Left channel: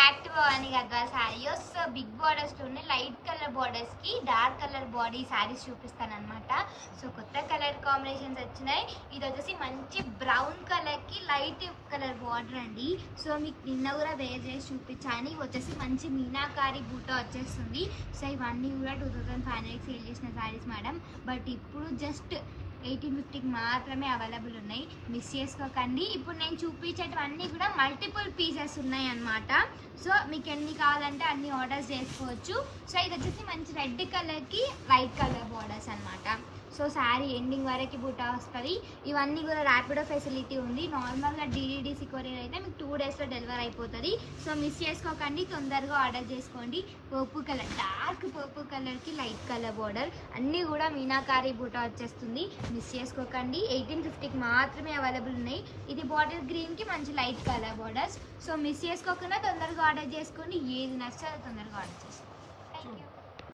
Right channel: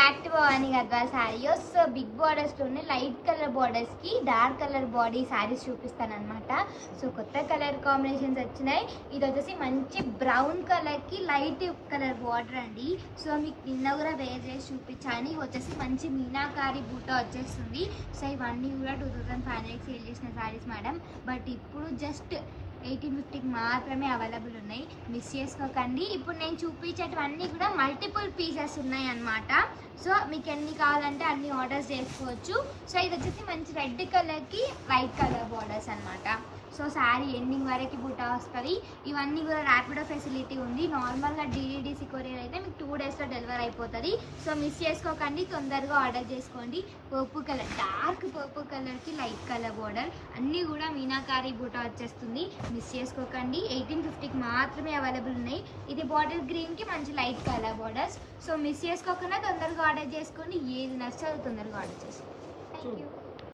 Back to Bhavani Gadwal saris. So big బార్డర్స్లోనే light colour బార్డర్స్కి dark colour body saris చూపిస్తాను అనమాట. సో కొత్త కలర్ కాంబినేషన్స్ వచ్చినాయి. ఇది వచ్చేసి మంచి బ్రౌన్ కలర్కి లైట్ కలర్ బార్డర్ అండి. సో మీకు నిన్న కూడా వేర్ చేసి చూపించాను. ఇవి వచ్చేసి మంచి మీనాకారి బూటా వచ్చేస్తుంది. సో ఇవన్నీ కూడా 2500 సేల్ చేసిన శారీస్ మేడం. బట్ ఇప్పుడు జస్ట్ 1850కి మాత్రమే అవైలబుల్ ఉన్నాయి. మిస్ చేసుకోకండి. ఇప్పుడు నేను చూపించేటివన్నీ కూడా మల్టిపుల్ పీసెస్ ఉన్నాయి అన్నమాట. సో మీకు ఎన్ని కావాలంటే అన్ని ఆర్డర్స్ చేసుకోవచ్చు. సో ఇది వచ్చేసి మంచి రెడ్ కలర్కి వైట్ కలర్ బార్డర్స్ అనమాట. సో శారీ ఎండింగ్ వరకు బుట్ట వస్తుంది. ఇవన్నీ కూడా ర్యాపిడో ఫెసిలిటీ ఉంది. నార్మల్గా DDDC కొరియర్ అయితే మీకు 2 డేస్లో డెలివరీ అయిపోతుంది. సో మిస్ చేసుకోకండి, తొందరగా ఆర్డర్ చేసుకోండి. పర్పుల్ కలర్, డార్క్ పర్పుల్ కలర్కి లైట్ కలర్ బార్డర్, అన్నీ కూడా మీనాకారి బుట్ట వచ్చేస్తుంది. మిస్ చేసుకోకండి. 1850కి మాత్రమే అవైలబుల్ ఉన్నాయి. ఇది బాటిల్ గ్రీన్కి మంచి light colour borders. So miss చేసుకోకుండా తొందరగా ఆర్డర్ చేసుకోండి. ఏది నచ్చితే అది తొందరగా ఆర్డర్ చేసుకోండి. Thank you.